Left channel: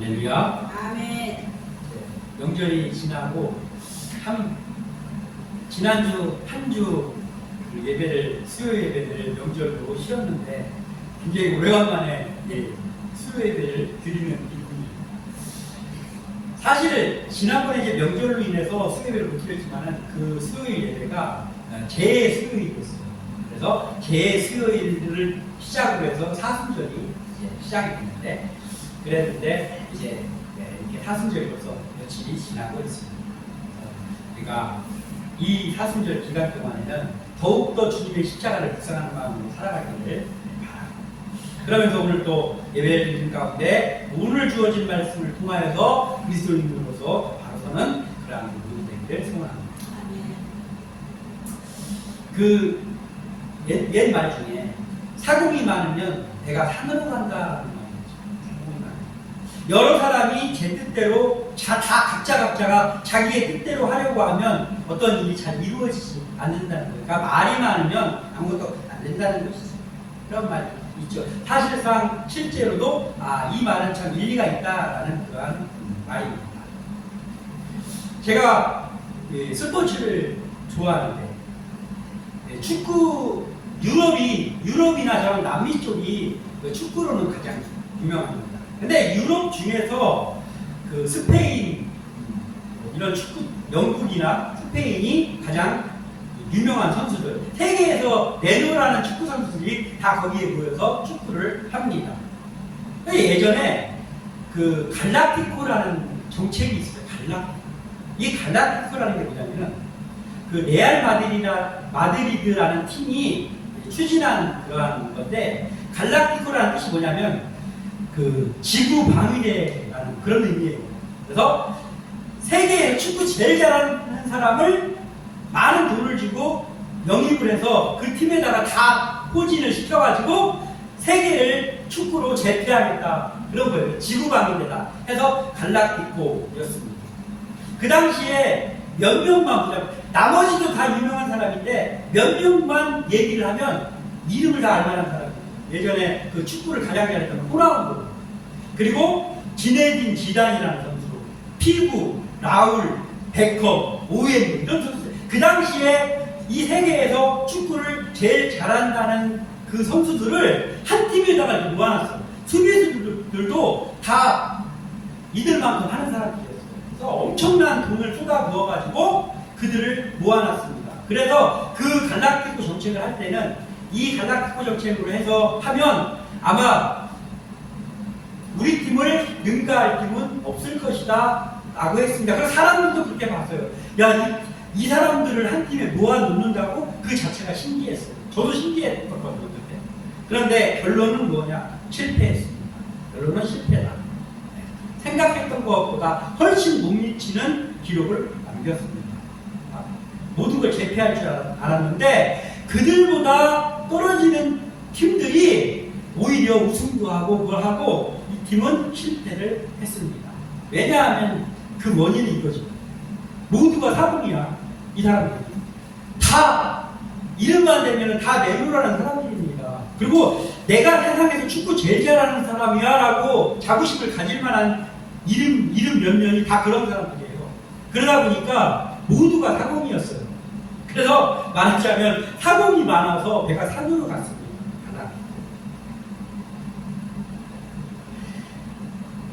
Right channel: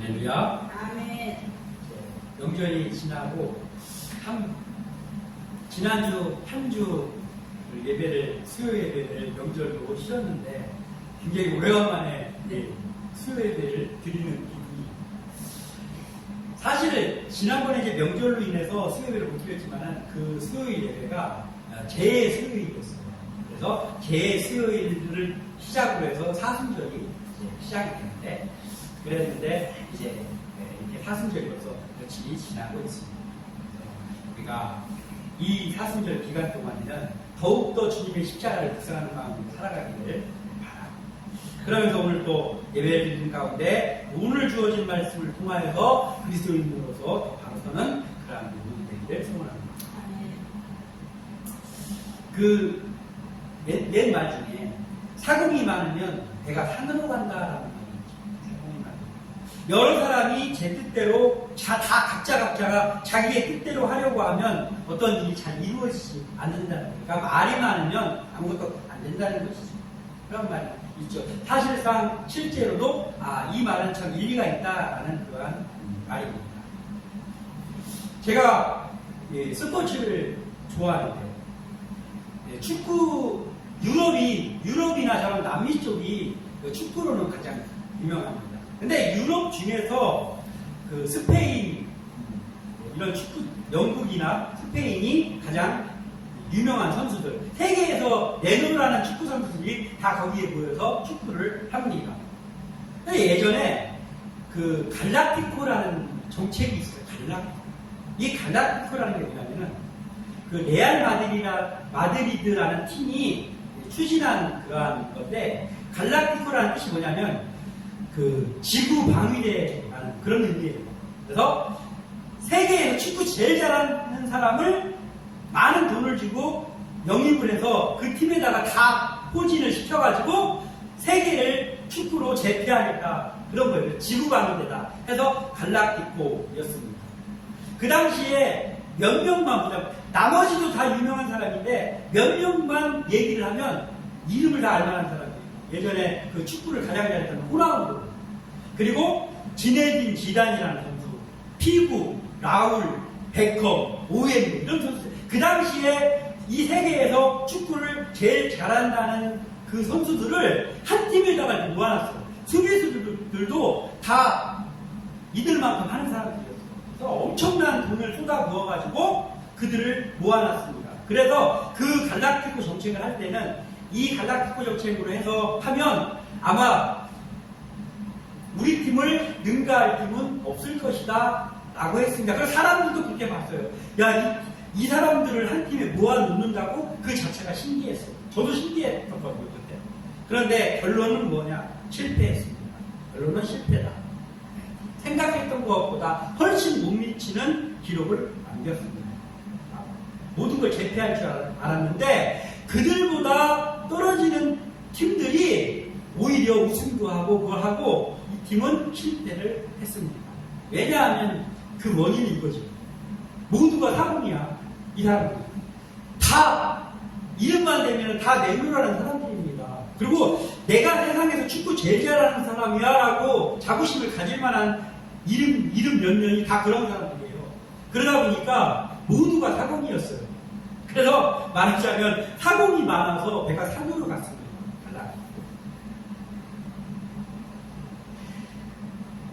할렐루야. 아멘. 명절이 지나고 지난주 한 주 예배를 수요 예배를 명절로 쉬었는데 굉장히 오래간만에 수요 예배를 드리는 기분이. 사실 지난번에 이제 명절로 인해서 수요 예배를 못 드렸지만은 그 수요일 예배가 제 수요일이었어요. 그래서 제 수요일을 시작으로 해서 사순절이 시작이 됐는데 그랬는데 이제 이렇게 사순절로서 며칠이 지나고 있습니다. 우리가 이 사순절 기간 동안에는 더욱더 주님의 십자가를 묵상하는 마음으로 살아가기를 바랍니다. 그러면서 오늘 또 예배를 드리는 가운데 오늘 주어진 말씀을 통하여서 그리스도인으로서 바로서는 그러한 분이 되기를 소원합니다. 그 옛말 중에 사공이 많으면 배가 산으로 간다라는 말이 있죠. 여러 사람이 제 뜻대로 다 각자가 자기의 뜻대로 하려고 하면 어떤 일이 잘 이루어지지 않는다는 거예요. 그러니까 말이 많으면 아무것도 안 된다는 것이죠. 그런 말이 있죠. 사실상 실제로도 이 말은 참 일리가 있다라는 그러한 말입니다. 제가 스포츠를 좋아하는데 축구 유럽이나 저런 남미 쪽이 축구로는 가장 유명합니다. 근데 유럽 중에서 그 스페인 이런 축구 영국이나 스페인이 가장 유명한 선수들, 세계에서 내노라는 축구 선수들이 다 거기에 모여서 축구를 합니다. 예전에 그 갈라티코라는 정책이 있어요. 이 갈라티코라는 게 뭐냐면은 그 레알 마드리드라는 팀이 추진한 그러한 건데 갈라티코라는 뜻이 뭐냐면 그 지구 방위대라는 그런 의미예요. 그래서 세계에서 축구 제일 잘하는 사람을 많은 돈을 주고 영입을 해서 그 팀에다가 다 포진을 시켜가지고 세계를 축구로 제패하겠다 그런 거예요. 지구 방위대다 해서 갈라티코였습니다. 그 당시에 몇 명만 보자면 나머지도 다 유명한 사람인데 몇 명만 얘기를 하면 이름을 다 알만한 사람이에요. 예전에 그 축구를 가장 잘했던 호나우두, 그리고 지네딘 지단이라는 선수, 피구, 라울, 베컴, 오웬 이런 선수. 그 당시에 이 세계에서 축구를 제일 잘한다는 그 선수들을 한 팀에다가 모아놨어요. 수비수들도 다 이들만큼 하는 사람들이었어요. 그래서 엄청난 돈을 쏟아 부어가지고 그들을 모아놨습니다. 그래서 그 갈라티코 정책을 할 때는 이 갈라티코 정책으로 해서 하면 아마 우리 팀을 능가할 팀은 없을 것이다 라고 했습니다. 그래서 사람들도 그렇게 봤어요. 야, 이 사람들을 한 팀에 모아놓는다고 그 자체가 신기했어요. 저도 신기했거든요. 그런데 결론은 뭐냐? 실패했습니다. 결론은 실패다. 생각했던 것보다 훨씬 못 미치는 기록을 남겼습니다. 모든 걸 제패할 줄 알았는데 그들보다 떨어지는 팀들이 오히려 우승도 하고 그걸 하고 이 팀은 실패를 했습니다. 왜냐하면 그 원인이 이거죠. 모두가 사람이야. 이 사람들 다 이름만 대면 다 내노라는 사람들입니다. 그리고 내가 세상에서 축구 제일 잘하는 사람이야 라고 자부심을 가질 만한 이름 몇 명이 다 그런 사람들이에요. 그러다 보니까 모두가 사공이었어요. 그래서 말하자면 사공이 많아서 배가 산으로 갔습니다.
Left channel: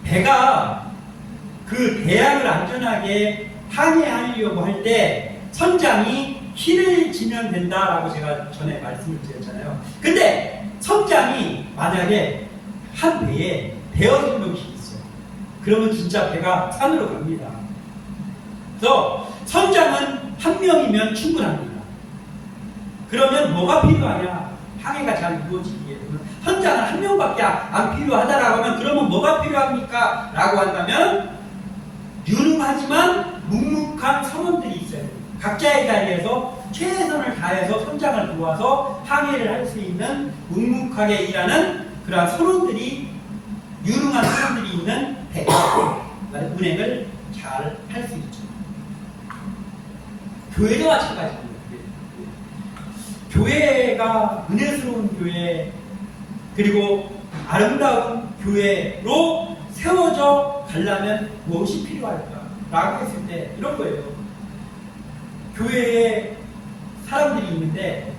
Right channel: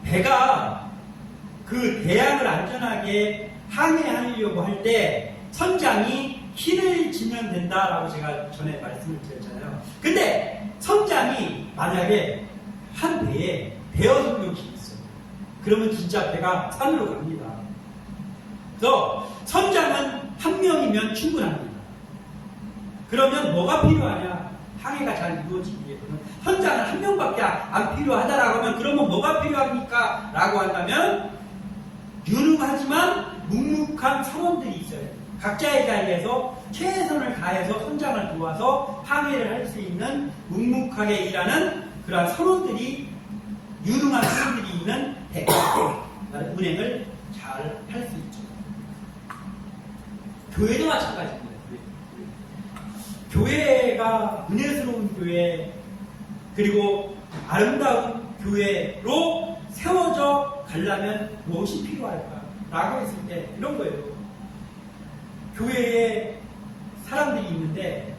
배가 그 대양을 안전하게 항해하려고 할 때 선장이 키를 지면 된다라고 제가 전에 말씀을 드렸잖아요. 근데 선장이 만약에 한 배에 대여섯 명씩 있어요. 그러면 진짜 배가 산으로 갑니다. 그래서 선장은 한 명이면 충분합니다. 그러면 뭐가 필요하냐? 항해가 잘 이루어지기 위해서는 선장은 한 명밖에 안 필요하다라고 하면 그러면 뭐가 필요합니까? 라고 한다면 유능하지만 묵묵한 선원들이 있어요. 각자의 자리에서 최선을 다해서 선장을 도와서 항해를 할 수 있는 묵묵하게 일하는 그러한 선원들이 유능한 선원들이 있는 배가 운행을 잘 할 수 있죠. 교회도 마찬가지입니다. 교회가 은혜스러운 교회 그리고 아름다운 교회로 세워져 가려면 무엇이 필요할까? 라고 했을 때 이런 거예요. 교회에 사람들이 있는데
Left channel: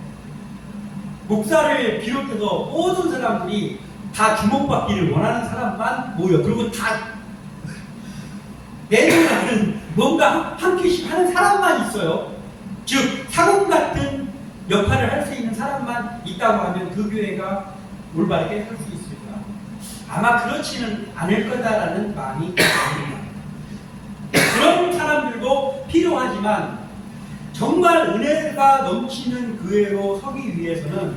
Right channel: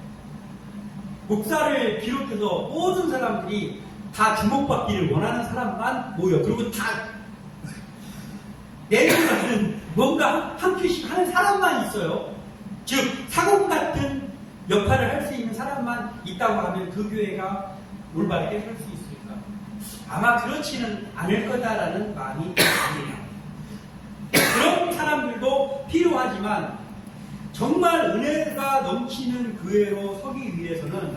목사를 비롯해서 모든 사람들이 다 주목받기를 원하는 사람만 모여. 그리고 다 내주하는 뭔가 한 큐씩 하는 사람만 있어요. 즉 사공 같은 역할을 할 수 있는 사람만 있다고 하면 그 교회가 올바르게 살 수 있을까? 아마 그렇지는 않을 거다라는 마음이 듭니다. 그런 사람들도 필요하지만 정말 은혜가 넘치는 교회로 서기 위해서는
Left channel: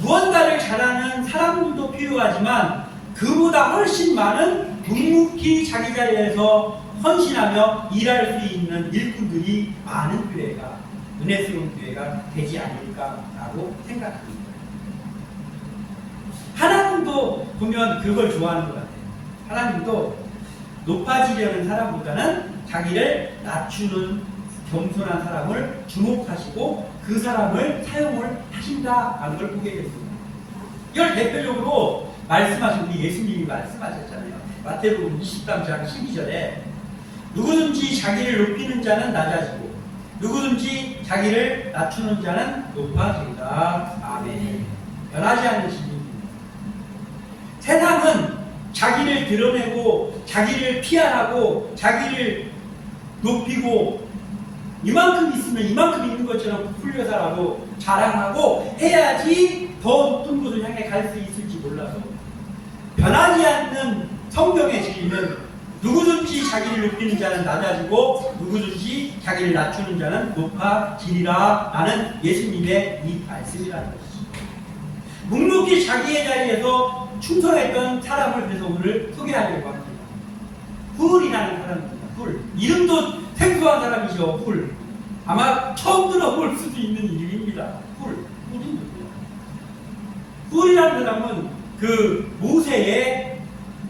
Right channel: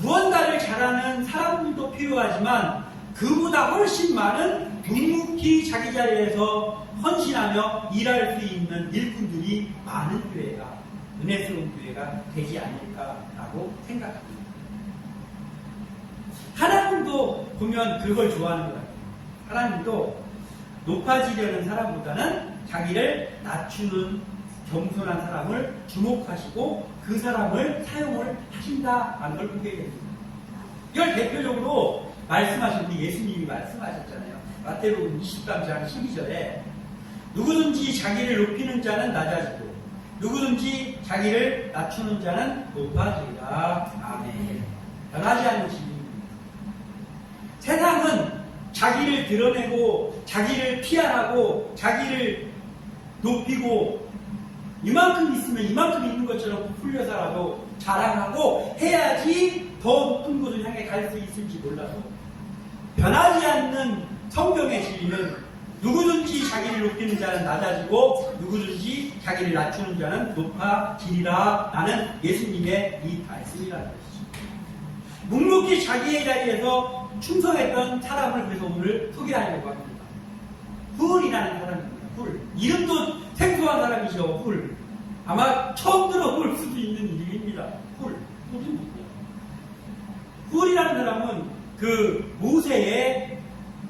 무언가를 잘하는 사람들도 필요하지만 그보다 훨씬 많은 묵묵히 자기 자리에서 헌신하며 일할 수 있는 일꾼들이 많은 교회가 은혜스러운 교회가 되지 않을까라고 생각합니다. 하나님도 보면 그걸 좋아하는 것 같아요. 하나님도 높아지려는 사람보다는 자기를 낮추는 겸손한 사람을 주목하시고 그 사람을 사용을 하신다는 걸 보게 됩니다. 이걸 대표적으로 말씀하신 우리 예수님이 말씀하셨잖아요. 마태복음 23장 12절에 누구든지 자기를 높이는 자는 낮아지고 누구든지 자기를 낮추는 자는 높아지리라. 아멘. 변하지 않는 진리입니다. 세상은 자기를 드러내고 자기를 피하고 자기를 높이고 이만큼 있으면 이만큼 있는 것처럼 부풀려서라도 자랑하고 해야지 더 높은 곳을 향해 갈 수 있을지 몰라서 변하지 않는 성경의 진리는 누구든지 자기를 높이는 자는 낮아지고 누구든지 자기를 낮추는 자는 높아지리라 라는 예수님의 이 말씀이라는 것이죠. 묵묵히 자기의 자리에서 충성했던 사람을 그래서 오늘 소개하려고 합니다. 훌이라는 사람입니다. 훌. 이름도 생소한 사람이죠. 훌. 아마 처음 들어볼 수도 있는 이름입니다. 훌. 훌이 누구야? 훌이라는 사람은 그 모세의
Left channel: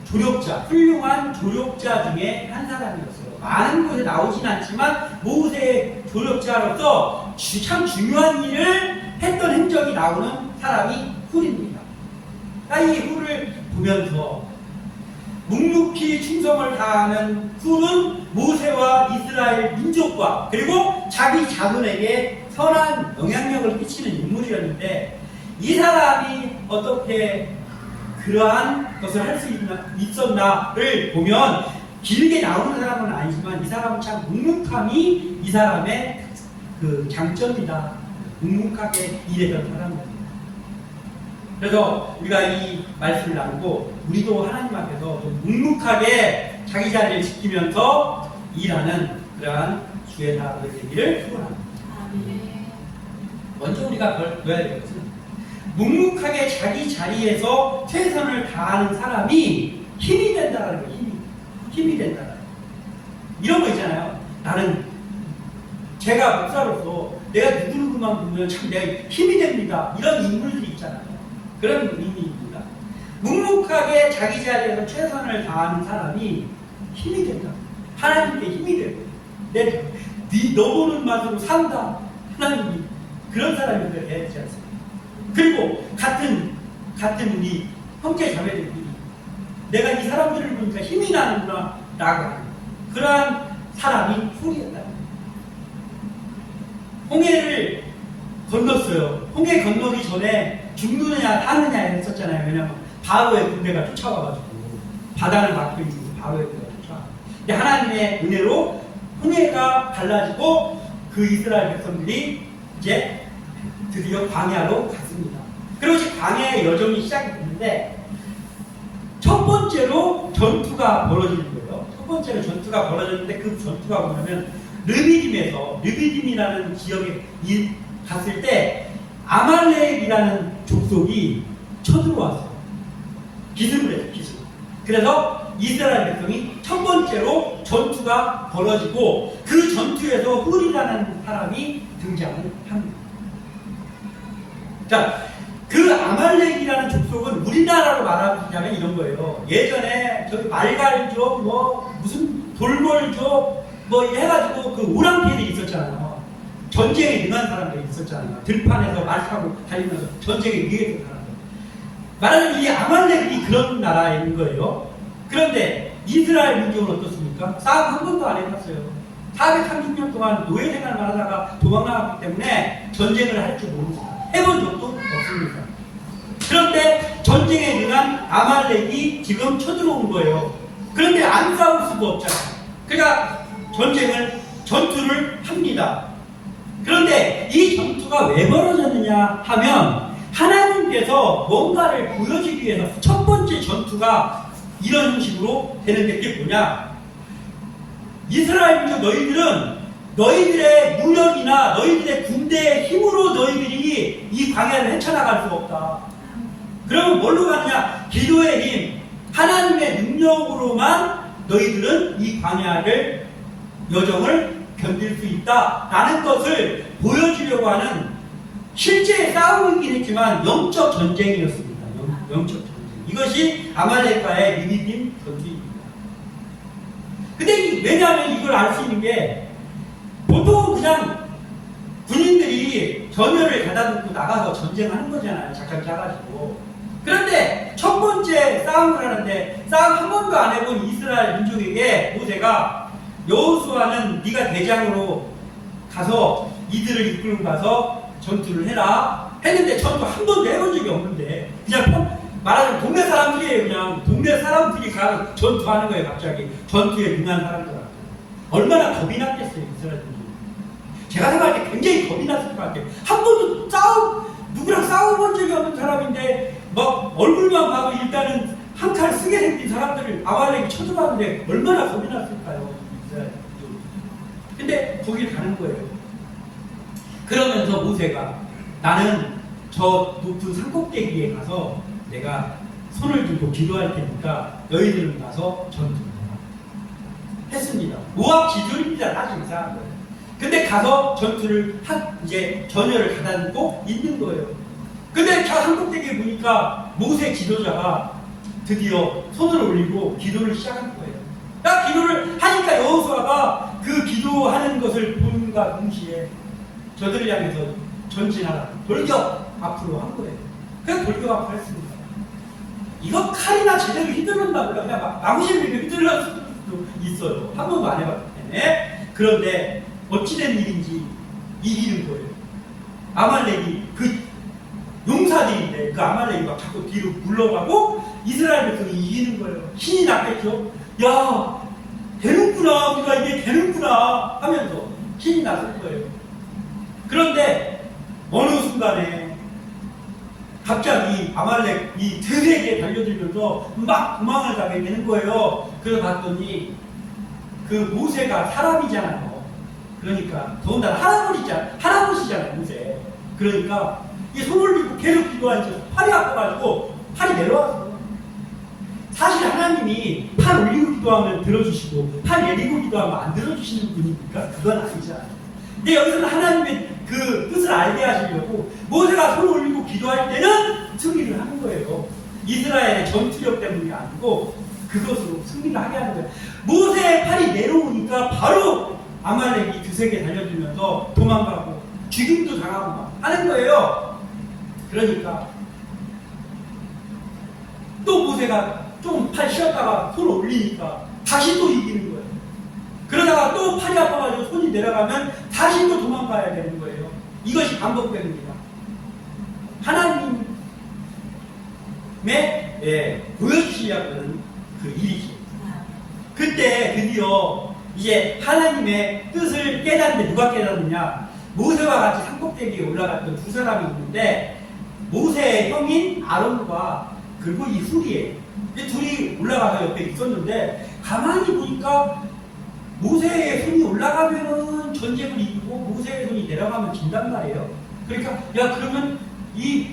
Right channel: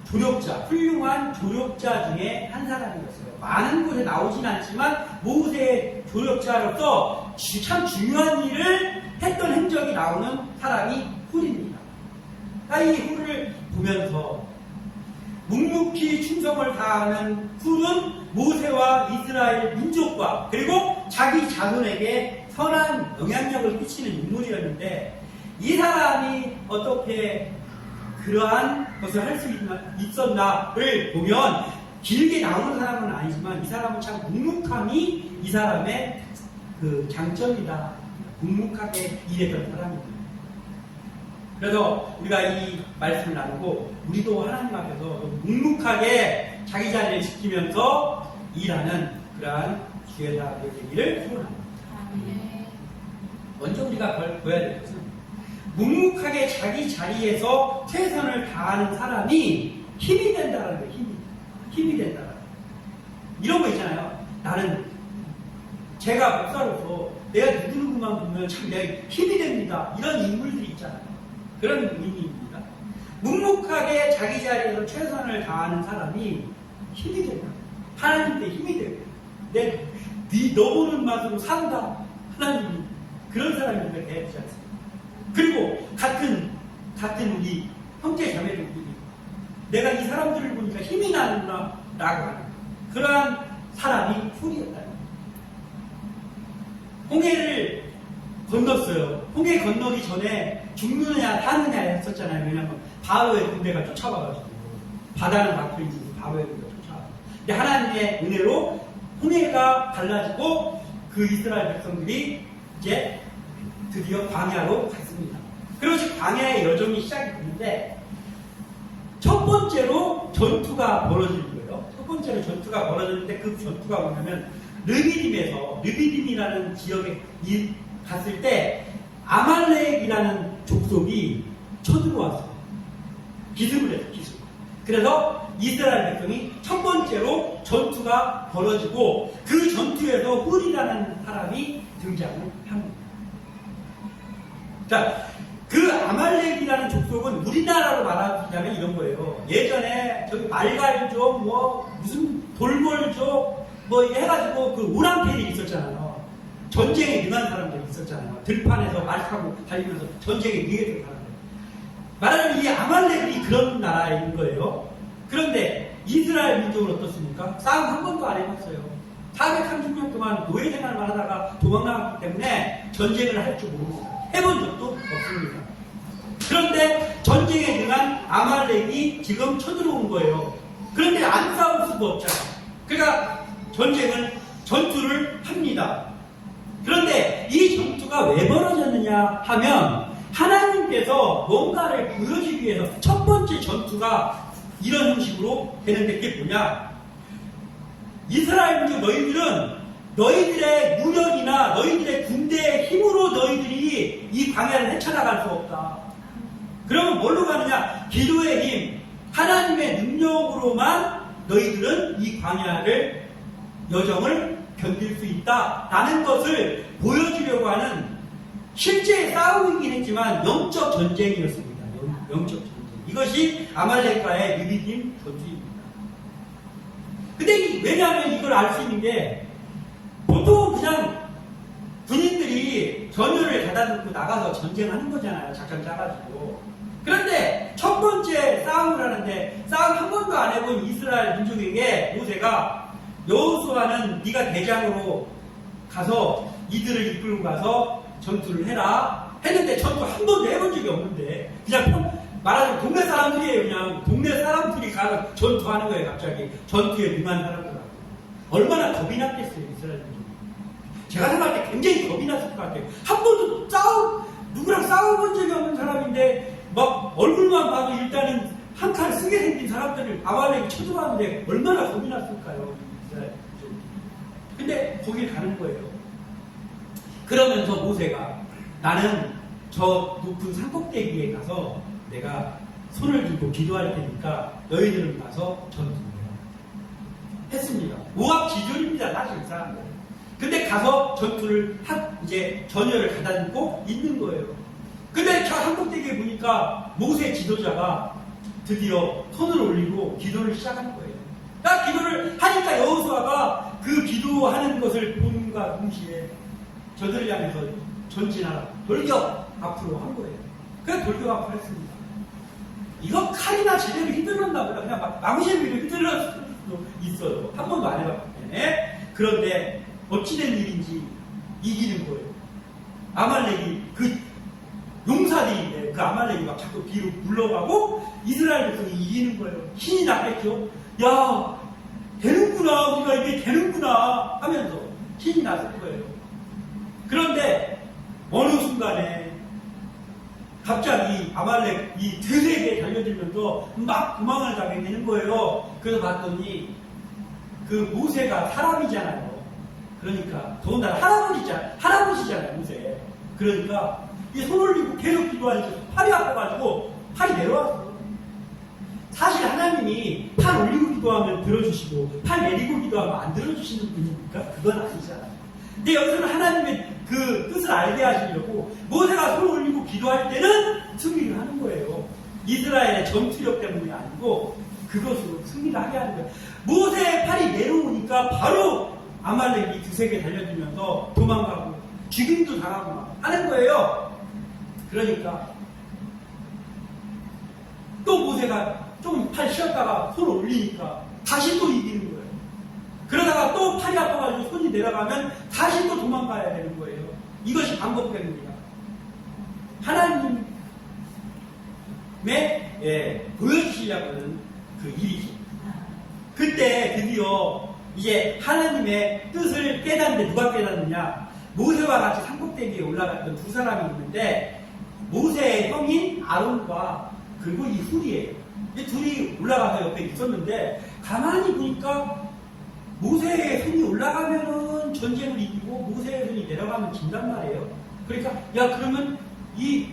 조력자, 훌륭한 조력자 중에 한 사람이었어요. 많은 곳에 나오진 않지만 모세의 조력자로서 참 중요한 일을 했던 행적이 나오는 사람이 훌입니다. 이 훌을 보면서 묵묵히 충성을 다하는 훌은 모세와 이스라엘 민족과 그리고 자기 자손에게 선한 영향력을 끼치는 인물이었는데 이 사람이 어떻게 그러한 것을 할 수 있었나를 보면 길게 나오는 사람은 아니지만 이 사람은 참 묵묵함이 이 사람의 그 장점이다. 묵묵하게 일했던 사람입니다. 그래서 우리가 이 말씀을 나누고 우리도 하나님 앞에서 좀 묵묵하게 자기 자리를 지키면서 일하는 그러한 주의 사람들 되기를 소원합니다. 먼저 우리가 보여야 될 것은 묵묵하게 자기 자리에서 최선을 다하는 사람이 힘이 된다는 거예요. 힘이 된다는 거예요. 이런 거 있잖아요. 나는 제가 목사로서 내가 누구누구만 보면 참 내가 힘이 됩니다. 이런 인물들이 있잖아요. 그런 의미입니다. 묵묵하게 자기 자리에서 최선을 다하는 사람이 힘이 된다. 하나님께 힘이 돼요. 너 보는 맛으로 산다. 하나님이 그런 사람이 되지 않습니까? 그리고 같은 우리 형제 자매들끼리 내가 이 사람들을 보니까 힘이 나는구나 라고 하는 그러한 사람이 훌이었다. 홍해를 건넜어요. 홍해 건너기 전에 죽느냐 사느냐 했었잖아요. 왜냐하면 바로의 군대가 쫓아와가지고 바다를 막고 있는 바로의 군대가 쫓아와. 근데 하나님의 은혜로 홍해가 갈라지고 그 이스라엘 백성들이 이제 드디어 광야로 갔습니다. 그리고 이제 광야의 여정이 시작이 됐는데 첫 번째로 전투가 벌어지는 거예요. 첫 번째로 전투가 벌어졌는데 그 전투가 뭐냐면 르비딤이라는 지역에 갔을 때 아말렉이라는 족속이 쳐들어왔어요. 기습을 해요. 기습. 그래서 이스라엘 백성이 첫 번째로 전투가 벌어지고 그 전투에서 훌이라는 사람이 등장을 합니다. 자, 그 아말렉이라는 족속은 우리나라로 말하자면 이런 거예요. 예전에 저기 말갈족, 무슨 돌궐족, 해가지고 그 오랑캐들이 있었잖아요. 전쟁에 능한 사람들이 있었잖아요. 들판에서 말 타고 달리면서 전쟁에 위했던 사람들. 말하자면 이 아말렉이 그런 나라인 거예요. 그런데 이스라엘 민족은 어떻습니까? 싸움 한 번도 안 해봤어요. 430년 동안 노예 생활만 하다가 도망나갔기 때문에 전쟁을 할 줄 모릅니다. 해본 적도 없습니다. 그런데 전쟁에 능한 아말렉이 지금 쳐들어온 거예요. 그런데 안 싸울 수가 없잖아요. 그러니까 전투를 합니다. 그런데 이 전투가 왜 벌어졌느냐 하면 하나님께서 뭔가를 보여주기 위해서 첫 번째 전투가 이런 형식으로 되는데 그게 뭐냐? 이스라엘 민족 너희들은 너희들의 무력이나 너희들의 군대의 힘으로 너희들이 이 광야를 헤쳐나갈 수 없다. 그러면 뭘로 가느냐? 기도의 힘, 하나님의 능력으로만 너희들은 이 광야를 여정을 견딜 수 있다라는 것을 보여주려고 하는 실제 싸움이긴 했지만 영적 전쟁이었습니다. 영적 전쟁. 이것이 아말렉과의 리비딤 전투입니다. 근데 왜냐하면 이걸 알 수 있는 게 보통 그냥 군인들이 전열을 가다듬고 나가서 전쟁하는 거잖아요. 작전 짜가지고. 그런데 첫 번째 싸움을 하는데 싸움 한 번도 안 해본 이스라엘 민족에게 모세가 여호수아는 네가 대장으로 가서 이들을 이끌고 가서 전투를 해라 했는데 전투 한 번도 해본 적이 없는데 그냥 말하자면 동네 사람들이에요. 그냥 동네 사람들이 가서 전투하는 거예요. 갑자기 전투에 능한 사람들 얼마나 겁이 났겠어요. 이스라엘 민족이. 제가 생각할 때 굉장히 겁이 났을 것 같아요. 한 번도 누구랑 싸워본 적이 없는 사람인데 막 얼굴만 봐도 일단은 한 칼 쓰게 생긴 사람들을 아말렉이 쳐들어왔는데 얼마나 겁이 났을까요? 근데 거길 가는 거예요. 그러면서 모세가 나는 저 높은 산꼭대기에 가서 내가 손을 들고 기도할 테니까 너희들은 가서 전투해라 했습니다. 모압 기준입니다. 사실 이상한 거예요. 근데 가서 전투를 이제 전열을 가다듬고 있는 거예요. 근데 저 산꼭대기에 보니까 모세 지도자가 드디어 손을 올리고 기도를 시작한 거예요. 딱 기도를 하니까 여호수아가 그 기도하는 것을 본과 동시에 저들을 향해서 전진하라 돌격 앞으로 한 거예요. 그냥 돌격 앞으로 했습니다. 이거 칼이나 제대로 휘둘렀나 몰라. 그냥 나무실비로 휘둘렀을 수도 있어요. 한 번도 안 해봤기 때문에. 그런데 어찌된 일인지 이기는 거예요. 아말렉이 그 용사들인데 그 아말렉이 막 자꾸 뒤로 물러가고 이스라엘 백성이 이기는 거예요. 신이 났겠죠. 야 되는구나, 우리가 이게 되는구나 하면서 신이 났을 거예요. 그런데 어느 순간에 갑자기 아말렉 이 들에게 달려들면서 막 도망을 가게 되는 거예요. 그래서 봤더니 그 모세가 사람이잖아요. 그러니까 더군다나 할아버지잖아요, 모세. 그러니까 이 손 올리고 계속 기도하니까 팔이 아파가지고 팔이 내려왔어. 사실 하나님이 팔 올리고 기도하면 들어주시고 팔 내리고 기도하면 안 들어주시는 분입니까? 그건 아니잖아요. 근데 여기서는 하나님의 그 뜻을 알게 하시려고 모세가 손 올리고 기도할 때는 승리를 하는 거예요. 이스라엘의 전투력 때문이 아니고 그것으로 승리를 하게 하는 거예요. 모세의 팔이 내려오니까 바로 아말렉이 두세게 달려들면서 도망가고 죽임도 당하고 막 하는 거예요. 그러니까 또 모세가 좀 팔 쉬었다가 손을 올리니까 다시 또 이기는 거예요. 그러다가 또 팔이 아파가지고 손이 내려가면 다시 또 도망가야 되는 거예요. 이것이 반복됩니다. 하나님의 보여주시려고 하는 그 일이죠. 그때 드디어 이제 하나님의 뜻을 깨닫는데 누가 깨닫느냐? 모세와 같이 산꼭대기에 올라갔던 두 사람이 있는데 모세의 형인 아론과 그리고 이 훌이에요. 이 둘이 올라가서 옆에 있었는데 가만히 보니까 모세의 손이 올라가면은 전쟁을 이기고 모세의 손이 내려가면 진단 말이에요. 그러니까 야 그러면 이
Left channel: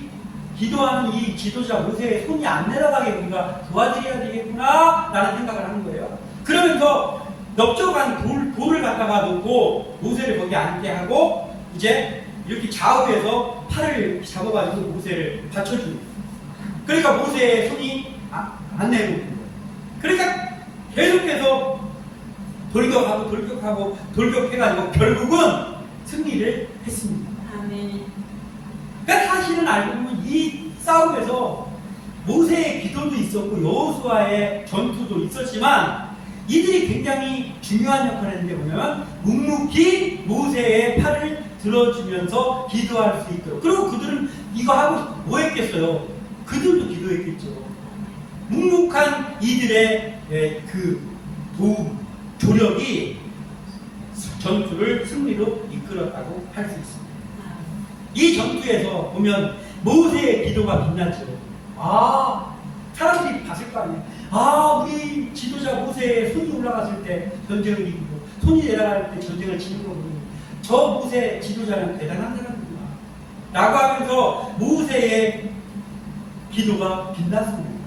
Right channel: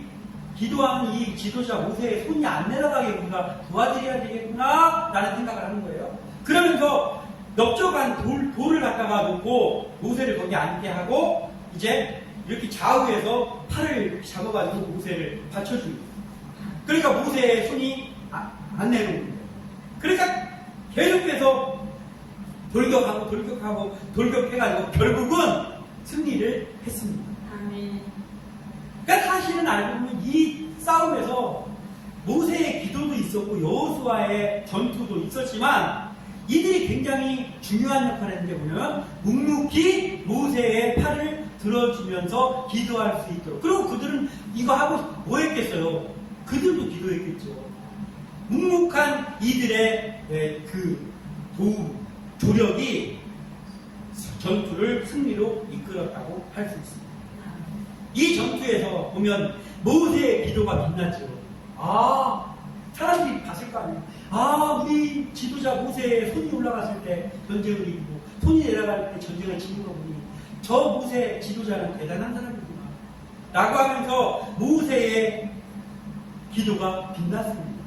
기도하는 이 지도자 모세의 손이 안 내려가게 우리가 도와드려야 되겠구나 라는 생각을 하는 거예요. 그러면서 넓적한 돌을 갖다가 놓고 모세를 거기 앉게 하고 이제 이렇게 좌우에서 팔을 잡아가지고 모세를 받쳐줍니다. 그러니까 모세의 손이 안 내려오는 거예요. 그러니까 계속해서 돌격하고 돌격해가지고 결국은 승리를 했습니다. 아멘. 그러니까 사실은 알고 보면 이 싸움에서 모세의 기도도 있었고 여호수아의 전투도 있었지만 이들이 굉장히 중요한 역할을 했는데 뭐냐면 묵묵히 모세의 팔을 들어주면서 기도할 수 있도록. 그리고 그들은 이거 하고 뭐 했겠어요? 그들도 기도했겠죠. 묵묵한 이들의 그 도움, 조력이 전투를 승리로 이끌었다고 할 수 있습니다. 이 전투에서 보면 모세의 기도가 빛났죠. 사람들이 봤을 거 아니에요. 우리 지도자 모세의 손이 올라갔을 때 전쟁을 이기고 손이 내려갈 때 전쟁을 치는 거 보니 저 모세 지도자는 대단한 사람이구나 라고 하면서 모세의 기도가 빛났습니다.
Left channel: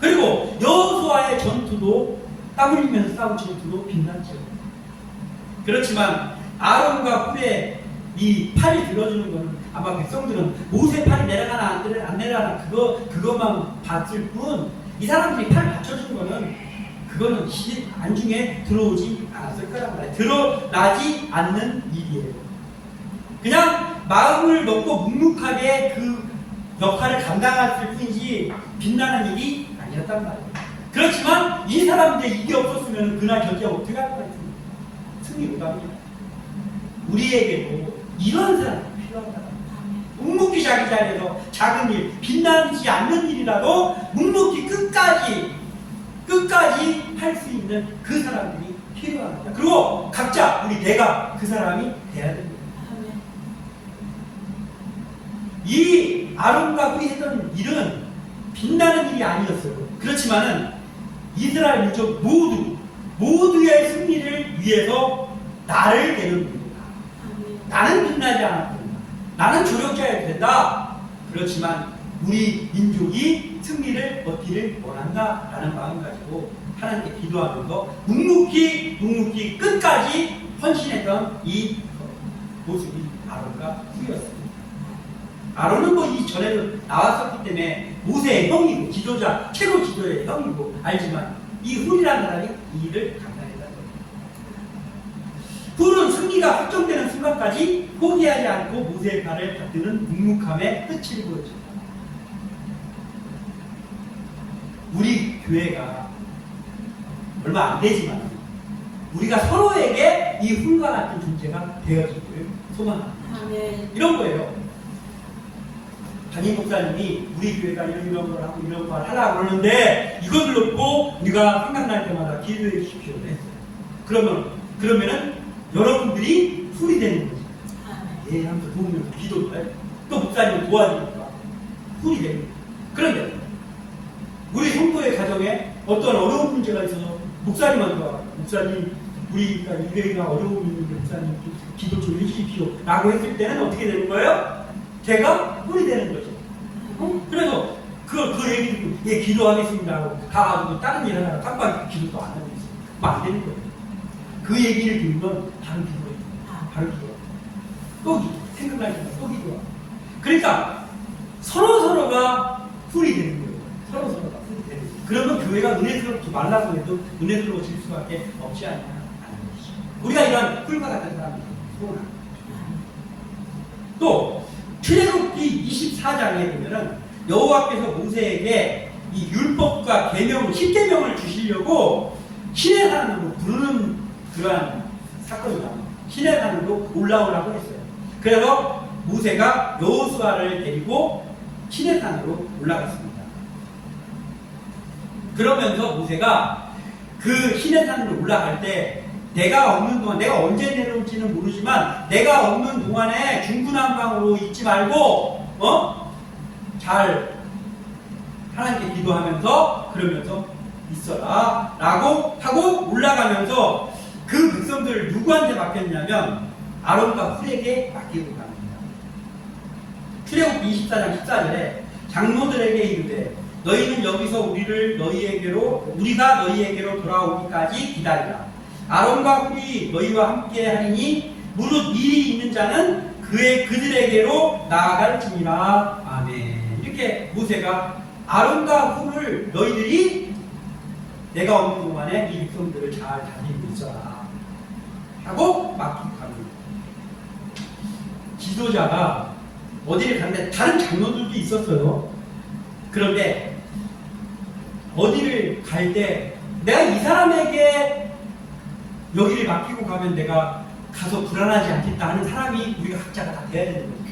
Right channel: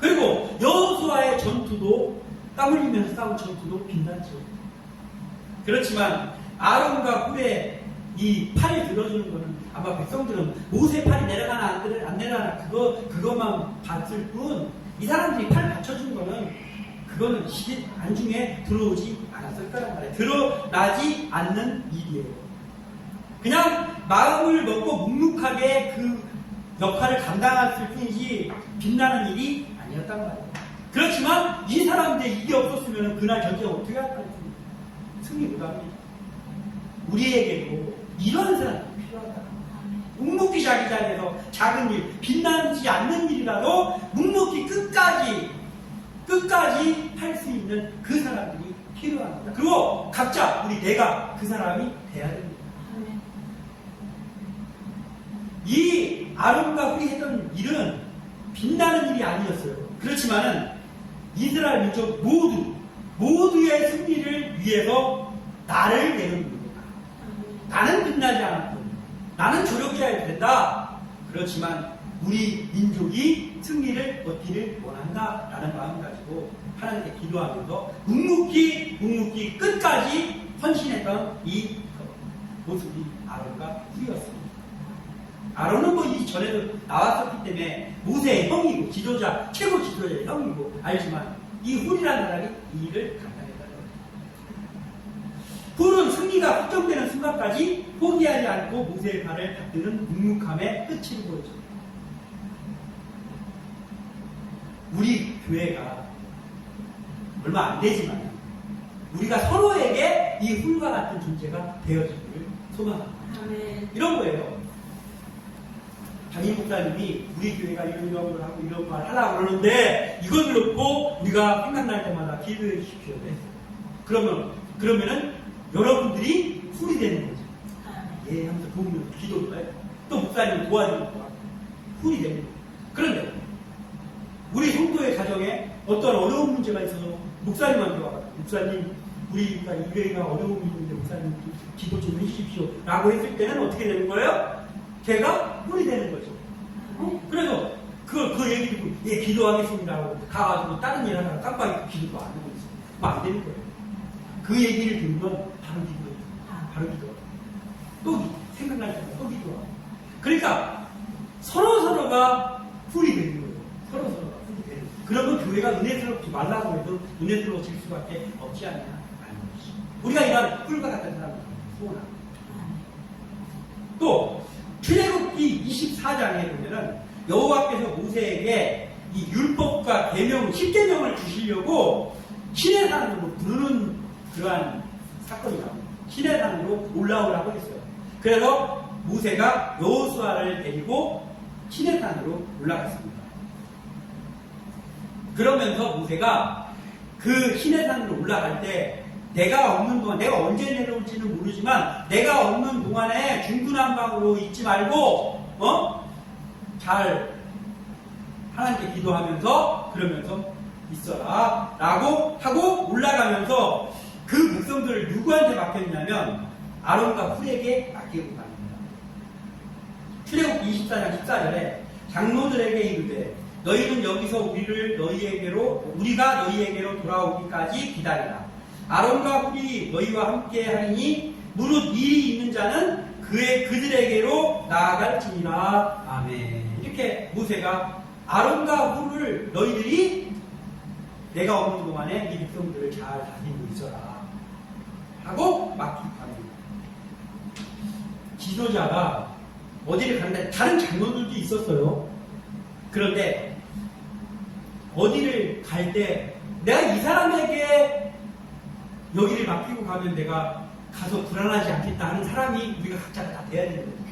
그리고 여호수아의 전투도 땀 흘리면서 싸운 전투도 빛났죠. 그렇지만 아론과 훌의 이 팔이 들어주는 거는 아마 백성들은 모세 팔이 내려가나 안 내려가나 그것만 봤을 뿐 이 사람들이 팔 받쳐준 거는 그거는 안중에 들어오지 않았을 거란 말이에요. 드러나지 않는 일이에요. 그냥 마음을 먹고 묵묵하게 그 역할을 감당했을 뿐이지 빛나는 일이 아니었단 말이에요. 그렇지만 이 사람들이 이게 없었으면 그날 전쟁 어떻게 할 뻔했습니까? 승리 불가입니다. 우리에게도 이런 사람이 필요하다. 묵묵히 자기 자리에서 작은 일, 빛나지 않는 일이라도 묵묵히 끝까지 할 수 있는 그 사람들이 필요합니다. 그리고 각자 내가 그 사람이 돼야 됩니다. 이 아론과 훌이 했던 일은 빛나는 일이 아니었어요. 그렇지만은 이스라엘 민족 모두의 승리를 위해서 나를 데려옵니다. 나는 빛나지 않았고 나는 조력자여야 된다. 그렇지만 우리 민족이 승리를 얻기를 원한다라는 마음 가지고 하나님께 기도하면서 묵묵히 끝까지 헌신했던 이 모습이 아론과 훌이었습니다. 아론은 이전에도 나왔었기 때문에 모세의 형이고 최고 지도자의 형이고 알지만 이 훌이라는 사람이 이 일을 감당했다는 거예요. 훌은 승리가 확정되는 순간까지 포기하지 않고 모세의 발을 받드는 묵묵함의 끝을 보여줍니다. 우리 교회가 얼마 안 되지만 우리가 서로에게 이 훌과 같은 존재가 되어주기를 소망합니다. 이런 거예요. 담임 목사님이 우리 교회가 이런 걸 하고 이런 걸 하려고 그러는데 이것을 놓고 우리가 생각날 때마다 기도해 주십시오. 그러면은 여러분들이 훌이 되는 거지. 예, 하면서 도우면 기도도 해. 또 목사님을 도와주니까 훌이 되는 거예요. 그런데 우리 성도의 가정에 어떤 어려운 문제가 있어서 목사님한테 와. 목사님, 우리가 이래가 어려움이 있는데 목사님 기도 좀 해주십시오. 라고 했을 때는 어떻게 되는 거예요? 제가 훌이 되는 거죠. 그래서 그 얘기를 기도하겠습니다 하고 가가지고 다른 일 하다가 깜빡이 기도도 안 하고 있어요. 그럼 안 되는 거예요. 그 얘기를 들으면 바로 기도해요. 바로 기도해요. 또 생각날 때마다 또 기도하고. 그러니까 서로가 훌이 되는 거예요. 서로가 훌이 되는 거예요. 그러면 교회가 은혜스럽지 말라고 해도 은혜스러워질 수밖에 없지 않냐. 우리가 이런 훌과 같은 사람을 소원합니다. 또 출애굽기 24장에 보면은 여호와께서 모세에게 이 율법과 계명, 10계명을 주시려고 신의 산으로 부르는 그러한 사건이 나옵니다. 신의 산으로 올라오라고 했어요. 그래서 모세가 여호수아를 데리고 신의 산으로 올라갔습니다. 그러면서 모세가 그 신의 산으로 올라갈 때 내가 없는 동안, 내가 언제 내려올지는 모르지만 내가 없는 동안에 중구난방으로 있지 말고 잘 하나님께 기도하면서 그러면서 있어라 라고 하고 올라가면서 그 백성들을 누구한테 맡겼냐면 아론과 훌에게 맡기고 갑니다. 출애굽기 24장 14절에 장로들에게 이르되 너희는 여기서 우리가 너희에게로 돌아오기까지 기다리라. 아론과 훌이 너희와 함께 하리니 무릇 일이 있는 자는 그들에게로 나아갈지니라. 아멘. 이렇게 모세가 아론과 훌을 너희들이 내가 없는 동안에 이 백성들을 잘 다니고 있어라 하고 맡기고 갑니다. 지도자가 어디를 가는데 다른 장로들도 있었어요. 그런데 어디를 갈 때 내가 이 사람에게 여기를 맡기고 가면 내가 가서 불안하지 않겠다 하는 사람이 우리가 각자가 다 돼야 되는 거예요.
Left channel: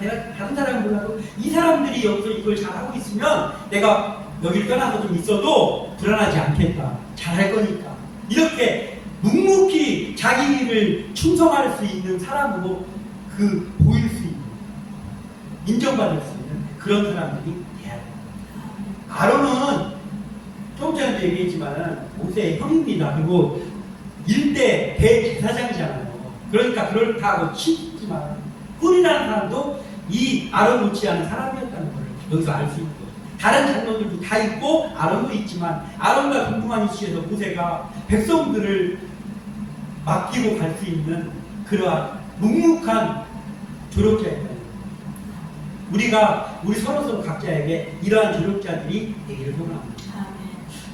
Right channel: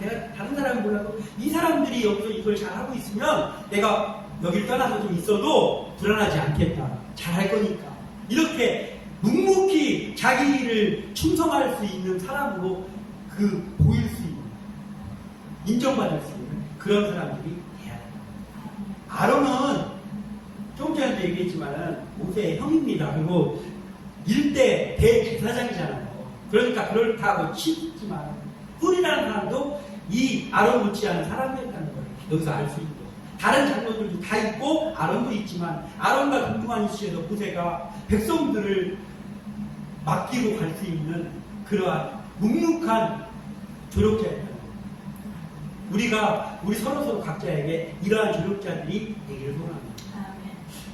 내가 다른 사람은 몰라도 이 사람들이 여기서 이걸 잘하고 있으면 내가 여기를 떠나서 좀 있어도 불안하지 않겠다. 잘할 거니까. 이렇게 묵묵히 자기 일을 충성할 수 있는 사람으로 보일 수 있는, 인정받을 수 있는 그런 사람들이 돼야 돼요. 아론은 조금 전에도 얘기했지만 모세의 형입니다. 그리고 일대 대제사장이잖아요. 그러니까 그렇다고 치지만 훌이라는 사람도 이 아론 못지않은 사람이었다는 걸 여기서 알 수 있고, 다른 장로들도 다 있고 아론도 있지만 아론과 동등한 위치에서 모세가 백성들을 맡기고 갈 수 있는 그러한 묵묵한 조력자였다. 우리 서로 각자에게 이러한 조력자들이 되기를 소원합니다.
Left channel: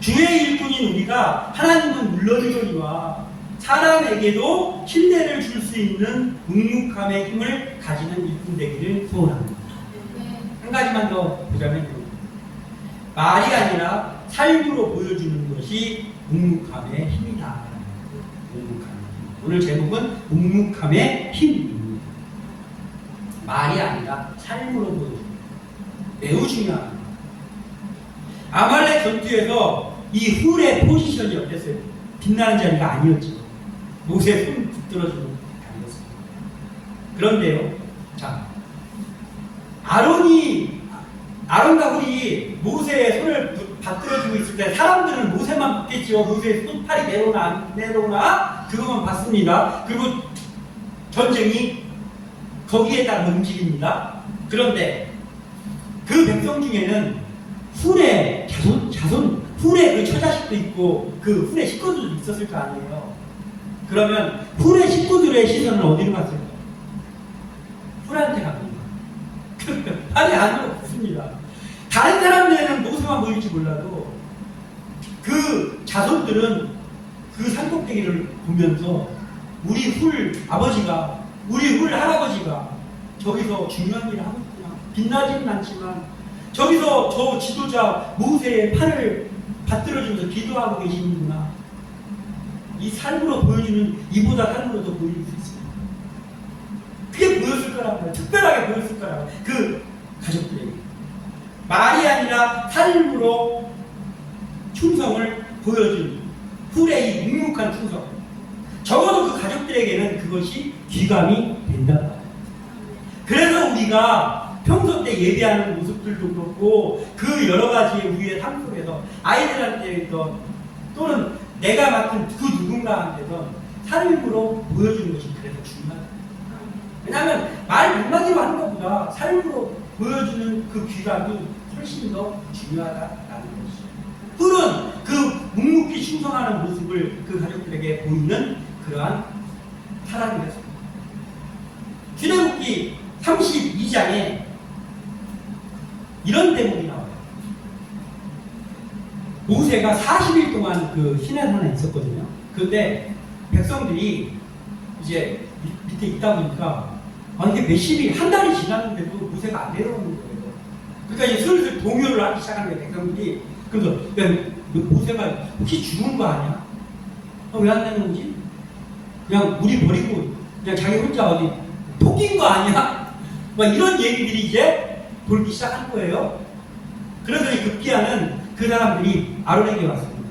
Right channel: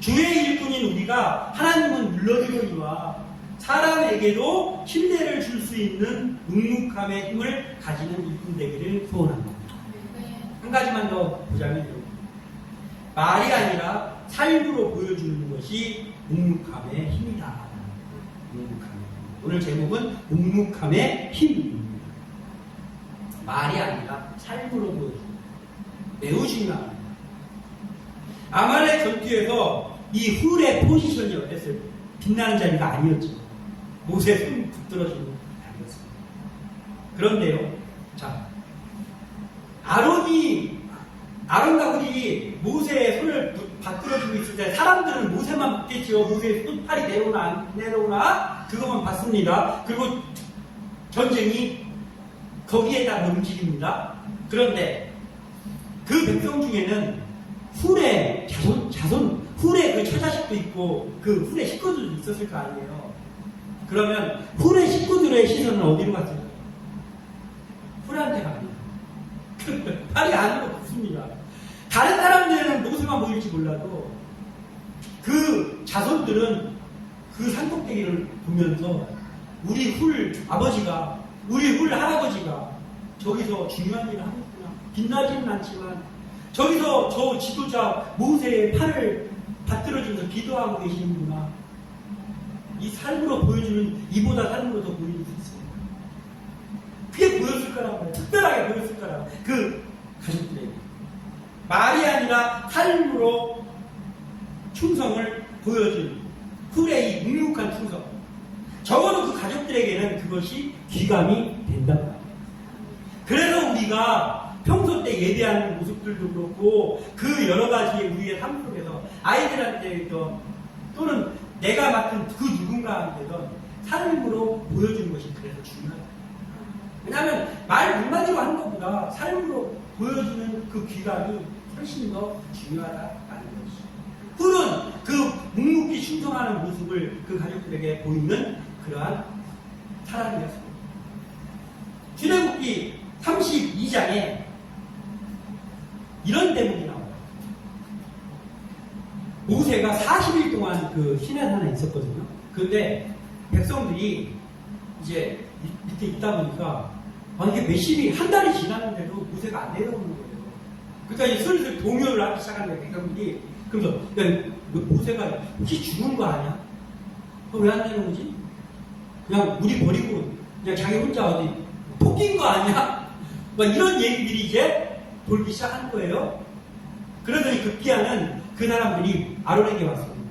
주의 일꾼인 우리가 하나님은 물론이거니와 사람에게도 신뢰를 줄 수 있는 묵묵함의 힘을 가지는 일꾼 되기를 소원합니다. 한 가지만 더 보자면 말이 아니라 삶으로 보여주는 것이 묵묵함의 힘이다. 오늘 제목은 묵묵함의 힘입니다. 말이 아니라 삶으로 보여주는, 매우 중요합니다. 아말렉 전투에서 이 훌의 포지션이 어땠어요? 빛나는 자리가 아니었지. 모세의 손 붙들어주는 게 아니었습니다. 그런데요, 자, 아론과 훌이 모세의 손을 받들어주고 있을 때 사람들은 모세만 봤겠지요. 모세의 손팔이 내려오나 그것만 봤습니다. 그리고 전쟁이 거기에 따라 움직입니다. 그런데 그 백성 중에는 훌의 훌의 그 처자식도 있고 그 훌의 식구들도 있었을 거 아니에요. 그러면 훌의 식구들의 시선은 어디로 갔을까요? 훌한테 갑니다. 아니 안으로 없습니다. 다른 사람들은 모세만 보일지 몰라도 그 자손들은 그 산꼭대기를 보면서 우리 훌 아버지가, 우리 훌 할아버지가 저기서 중요한 일을 하고 있구나. 빛나지는 않지만 저기서 저 지도자 모세의 팔을 받들어주면서 기도하고 계시는구나. 이 삶으로 보여주는 이보다 삶으로 더 보일 수 있습니다. 그게 보였을 거라고요. 특별하게 보였을 거라고. 그 가족들에게. 말이 아니라 삶으로 충성을 보여준 훌의 이 묵묵한 충성. 적어도 그 가족들에게는 그것이 귀감이 된다. 그래서 우리가 평소 때 예배하는 모습들도 그렇고 그 여러 가지 우리의 삶 속에서 아이들한테든 또는 내가 맡은 그 누군가한테든 삶으로 보여주는 것이 그래서 중요하다. 왜냐하면 말 한마디로 하는 것보다 삶으로 보여주는 그 귀감이 훨씬 더 중요하다라는 것이죠. 훌은 그 묵묵히 충성하는 모습을 그 가족들에게 보이는 그러한 사람이었습니다. 출애굽기 32장에 이런 대목이 나와요. 모세가 40일 동안 그 시내산에 있었거든요. 그런데 백성들이 이제 밑에 있다 보니까 이게 몇십일, 한 달이 지났는데도 모세가 안 내려오는 거예요. 그러니까 이제 슬슬 동요를 하기 시작한 거예요, 백성들이. 그래서 모세가 혹시 죽은 거 아니야? 왜 안 내려오지? 그냥 우리 버리고 그냥 자기 혼자 어디 토낀 거 아니야? 막 이런 얘기들이 이제 돌기 시작한 거예요. 그래서 이 급기야는 그 사람들이 아론에게 왔습니다.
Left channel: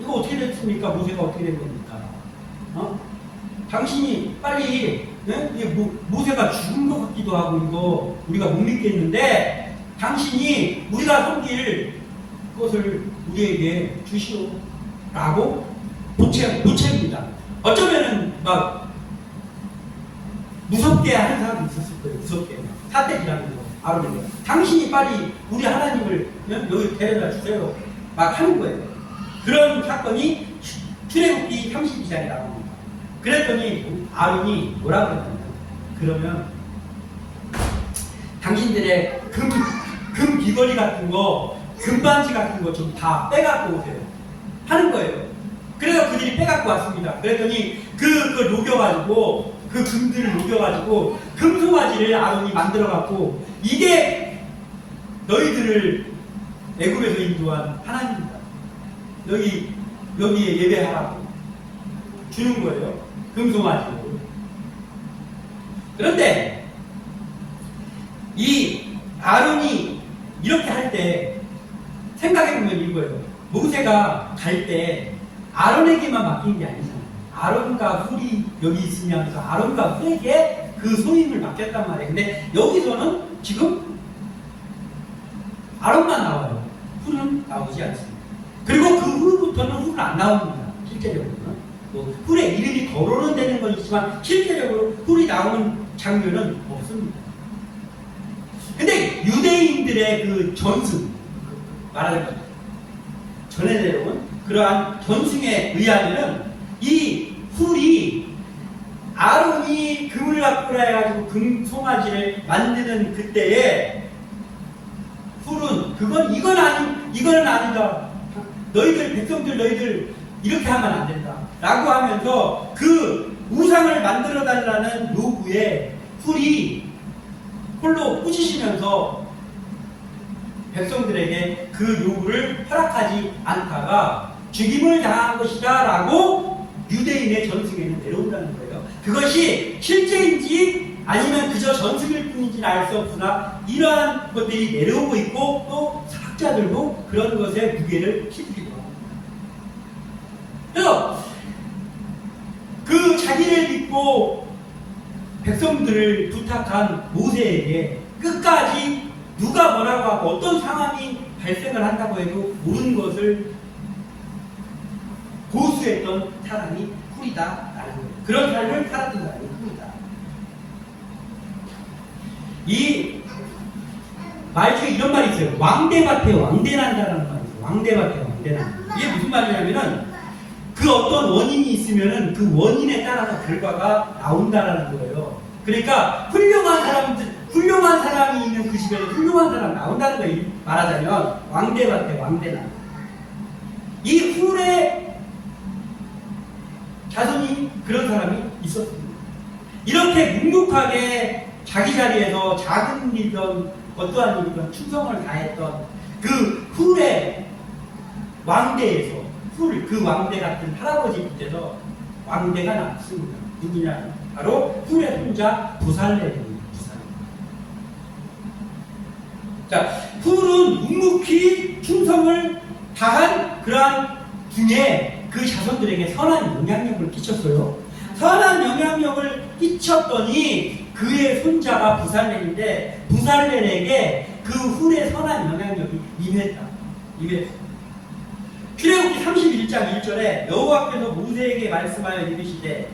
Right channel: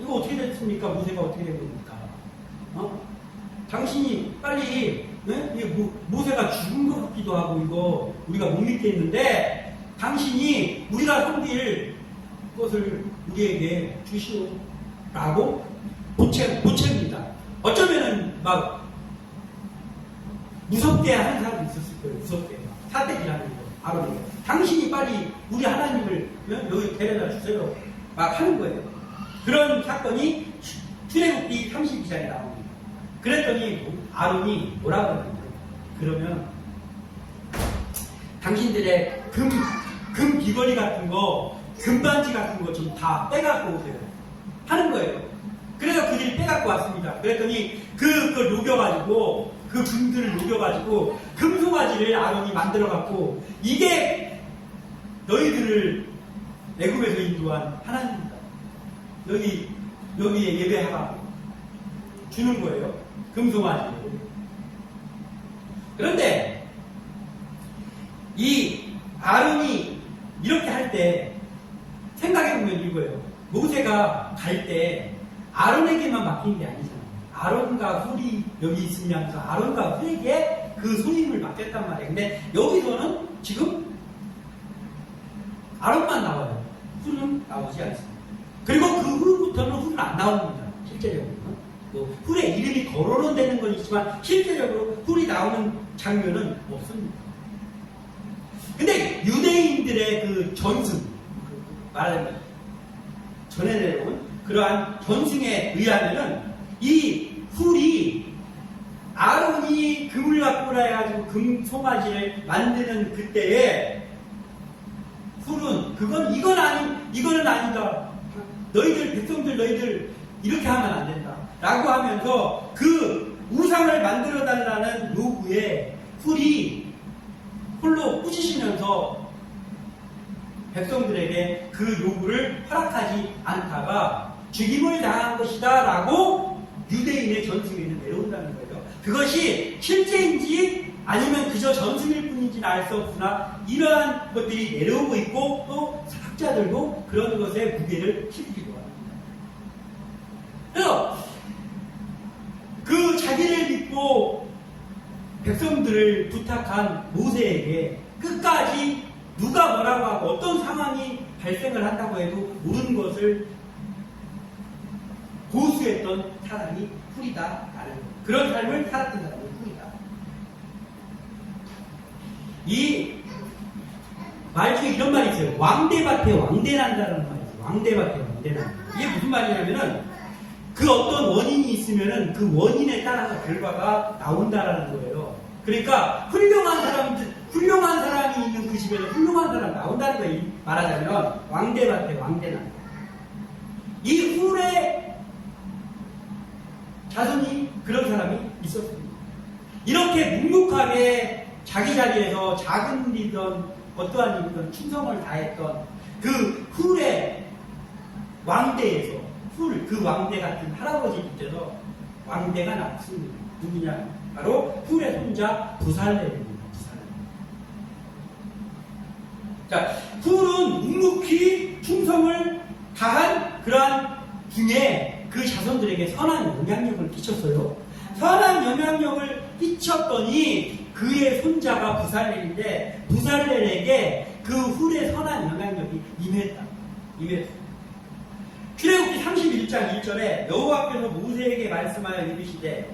이거 어떻게 됐습니까? 모세가 어떻게 된 겁니까? 당신이 빨리, 네? 이게 모세가 죽은 것 같기도 하고 이거 우리가 못 믿겠는데 당신이 우리가 섬길 것을 우리에게 주시오라고 보채입니다. 어쩌면은 막 무섭게 하는 사람도 있었을 거예요. 무섭게 사대기라는 거. 아론에게 당신이 빨리 우리 하나님을 여기 데려다 주세요 막 하는 거예요. 그런 사건이 출애굽기 32장에 나옵니다. 그랬더니 아론이 뭐라고 했냐면, 그러면 당신들의 금 귀걸이 같은 거, 금반지 같은 거 좀 다 빼갖고 오세요 하는 거예요. 그래서 그들이 빼갖고 왔습니다. 그랬더니 그걸 녹여가지고 그 금들을 녹여가지고 금송아지를 아론이 만들어갖고 이게 너희들을 애굽에서 인도한 하나님이다. 여기에 예배하라고 주는 거예요. 금송아지를. 그런데 이 아론이 이렇게 할 때 생각해보면 이거예요. 모세가 갈 때 아론에게만 맡긴 게 아니잖아요. 아론과 훌이 여기 있으면서 아론과 훌에게 그 소임을 맡겼단 말이에요. 근데 여기서는 지금 아론만 나와요. 훌은 나오지 않습니다. 그리고 그 후부터는 훌은 안 나옵니다. 실제적으로는. 뭐 훌의 이름이 거론은 되는 건 있지만 실제적으로 훌이 나오는 장면은 없습니다. 근데 유대인들의 그 전승, 말하자면 전에 내려온 그러한 전승에 의하면은 이 훌이 아론이 금을 갖고 해가지고 금송아지를 만드는 그때에 훌은 이건 아니다. 너희들 백성들 너희들 이렇게 하면 안 된다. 라고 하면서 그 우상을 만들어 달라는 요구에 훌이 홀로 꾸짖으면서 백성들에게 그 요구를 허락하지 않다가 죽임을 당한 것이다 라고 유대인의 전승에는 내려온다는 거예요. 그것이 실제인지 아니면 그저 전승일 뿐인지는 알 수 없으나 이러한 것들이 내려오고 있고 또 학자들도 그런 것에 무게를 키우기도 합니다. 그래서 그 자기를 믿고 백성들을 부탁한 모세에게 끝까지 누가 뭐라고 하고 어떤 상황이 발생을 한다고 해도 모르는 것을 고수했던 사람이 훌이다라는 거예요. 그런 삶을 살았던 사람이 훌이다. 이 말초에 이런 말이 있어요. 왕대밭에 왕대난다라는 말이 있어요. 왕대밭에 왕대난다. 이게 무슨 말이냐면은 그 어떤 원인이 있으면은 그 원인에 따라서 결과가 나온다라는 거예요. 그러니까 훌륭한 사람이 있는 그 집에는 훌륭한 사람이 나온다는 거예요. 말하자면 왕대밭에 왕대난다. 이 훌의 자손이 그런 사람이 있었습니다. 이렇게 묵묵하게 자기 자리에서 작은 일이든 어떠한 일이든 충성을 다했던 그 훌의 왕대에서 그 왕대 같은 할아버지 밑에서 왕대가 났습니다. 누구냐? 바로 훌의 손자 부살렐입니다. 자, 훌은 묵묵히 충성을 다한 그러한 중에 그 자손들에게 선한 영향력을 끼쳤어요. 선한 영향력을 끼쳤더니 그의 손자가 부살렐인데 부살렐에게 그 훌의 선한 영향력이 임했다. 출애굽기 31장 1절에 여호와께서 모세에게 말씀하여 이르시되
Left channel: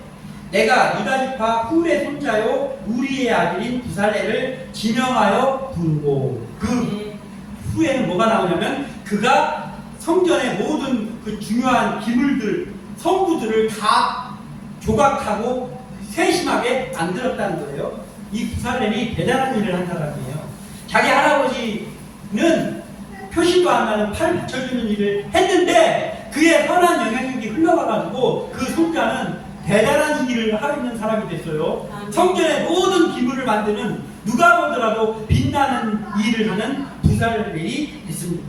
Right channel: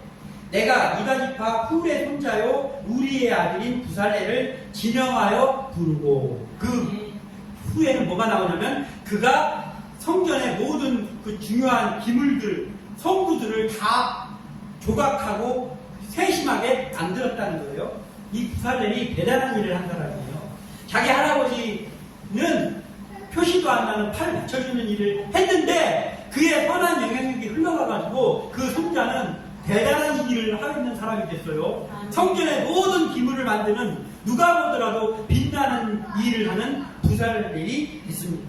내가 유다 지파 훌의 손자요 우리의 아들인 부살렐을 지명하여 부르고 그 후에는 뭐가 나오냐면 그가 성전의 모든 그 중요한 기물들 성구들을 다 조각하고 세심하게 만들었다는 거예요. 이 부살렐이 대단한 일을 한 사람이에요. 자기 할아버지는 표시도 안 나는 팔 받쳐주는 일을 했는데 그의 선한 영향력이 흘러가가지고 그 손자는 대단한 일을 하고 있는 사람이 됐어요. 성전의 모든 기물을 만드는 누가 보더라도 빛나는 일을 하는 부살렐이 됐습니다.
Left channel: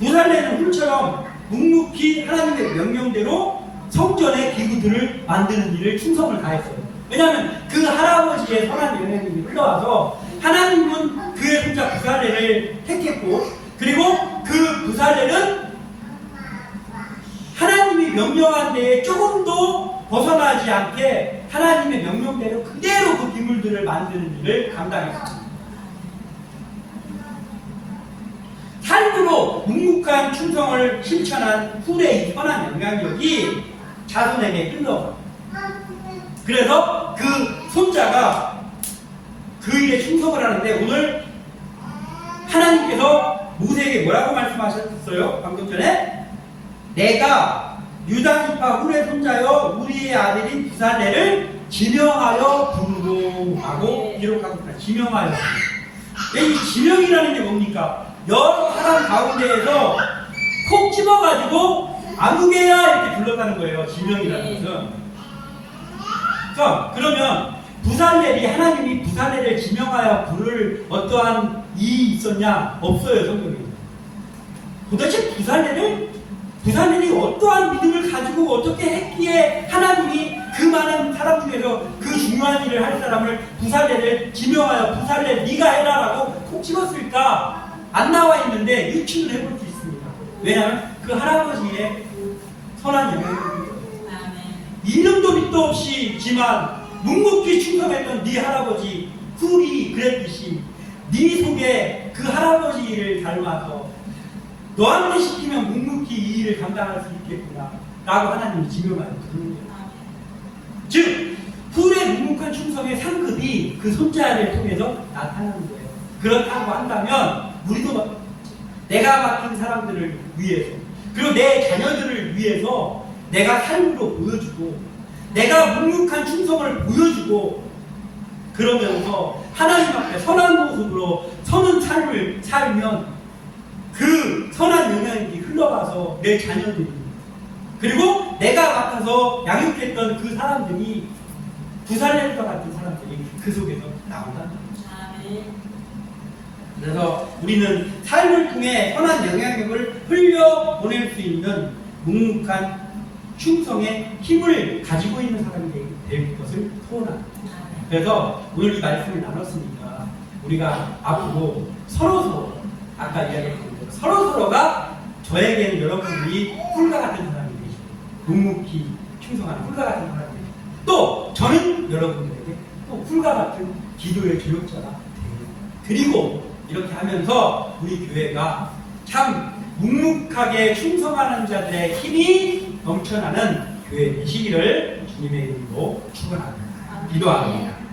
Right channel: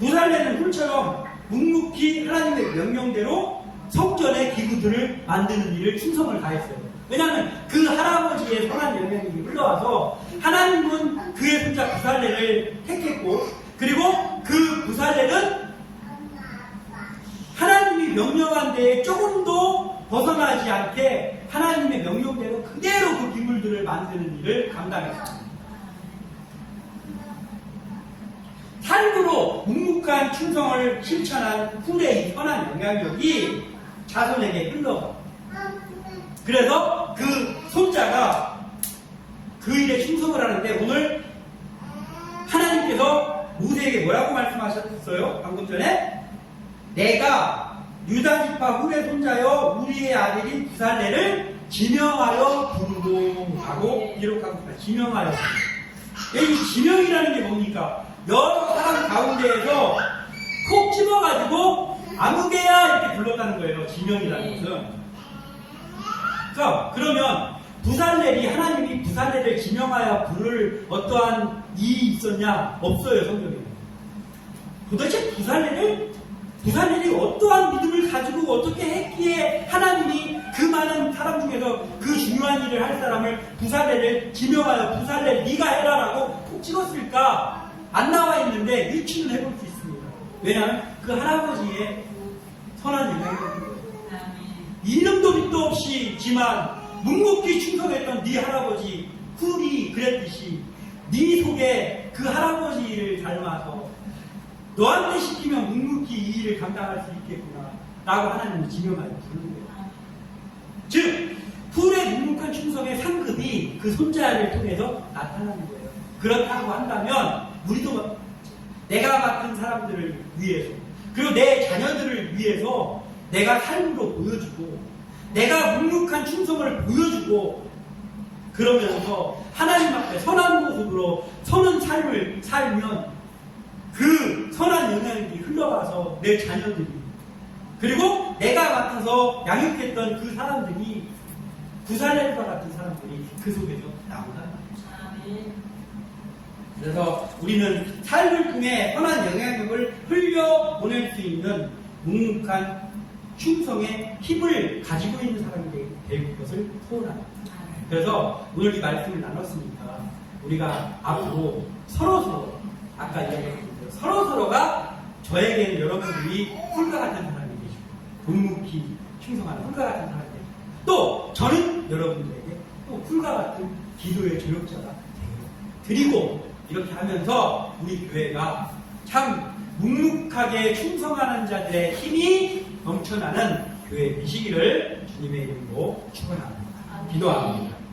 부살렐은 훌처럼 묵묵히 하나님의 명령대로 성전의 기구들을 만드는 일을 충성을 다했어요. 왜냐하면 그 할아버지의 선한 영향력이 흘러와서 하나님은 그의 손자 부살렐을 택했고 그리고 그 부살렐은 하나님이 명령한 데에 조금도 벗어나지 않게 하나님의 명령대로 그대로 그 기물들을 만드는 일을 감당했습니다. 삶으로 묵묵한 충성을 실천한 훌의 이 선한 영향력이 자손에게 흘러가. 그래서 그 손자가 그 일에 충성을 하는데 오늘 하나님께서 모세에게 뭐라고 말씀하셨어요? 방금 전에 내가 유다 지파 훌의 손자여 우리의 아들인 부살렐을 지명하여 부르고 하고 기록하고 있습니다. 지명하여. 이 지명이라는 게 뭡니까? 여러 사람 가운데에서 콕 집어가지고 아무개나 이렇게 불렀다는 거예요. 지명이라는 것은. 자, 그러면 부살렐이 하나님이 부살렐을 지명하여 부를 어떠한 일이 있었냐? 없어요, 성경에. 도대체 부살렐이 어떠한 믿음을 가지고 어떻게 했기에 하나님이 그 많은 사람 중에서 그 중요한 일을 할 사람을 부살렐을 지명하여 부살렐 네가 해라라고 콕 찍었을까? 안 나와 있는데 유추는 해볼 수 있습니다. 왜냐하면 그 할아버지의 선한 영향이 이름도 밑도 없이지만 묵묵히 충성했던 네 할아버지 훌이 그랬듯이 네 속에 그 할아버지를 닮아서 너한테 시키면 묵묵히 이 일을 감당할 수 있겠구나 라고 하나님이 지명하여 부르는 거예요. 즉 훌의 묵묵한 충성의 상급이 그 손자를 통해서 나타나는 거예요. 그렇다고 한다면 우리도 내가 맡긴 사람들을 위해서 그리고 내 자녀들을 위해서 내가 삶으로 보여주고 내가 묵묵한 충성을 보여주고 그러면서 하나님 앞에 선한 모습으로 서는 삶을 살면 그 선한 영향이 흘러가서 내 자녀들이 그리고 내가 맡아서 양육했던 그 사람들이 부살렐과 같은 사람들이 그 속에서 나온다는 거죠. 그래서 우리는 삶을 통해 선한 영향력을 흘려보낼 수 있는 묵묵한 충성의 힘을 가지고 있는 사람이 될 것을 소원합니다. 그래서 오늘 이 말씀을 나눴으니까 우리가 앞으로 서로서로 아까 이야기했던 대로 서로서로가 저에게는 여러분들이 훌과 같은 사람이 되시고 묵묵히 충성하는 훌과 같은 사람이 되시고 또 저는 여러분들에게 또 훌과 같은 기도의 조력자가 되고 이렇게 하면서 우리 교회가 참 묵묵하게 충성하는 자들의 힘이 넘쳐나는 교회 되시기를 주님의 이름으로 축원합니다. 기도합니다.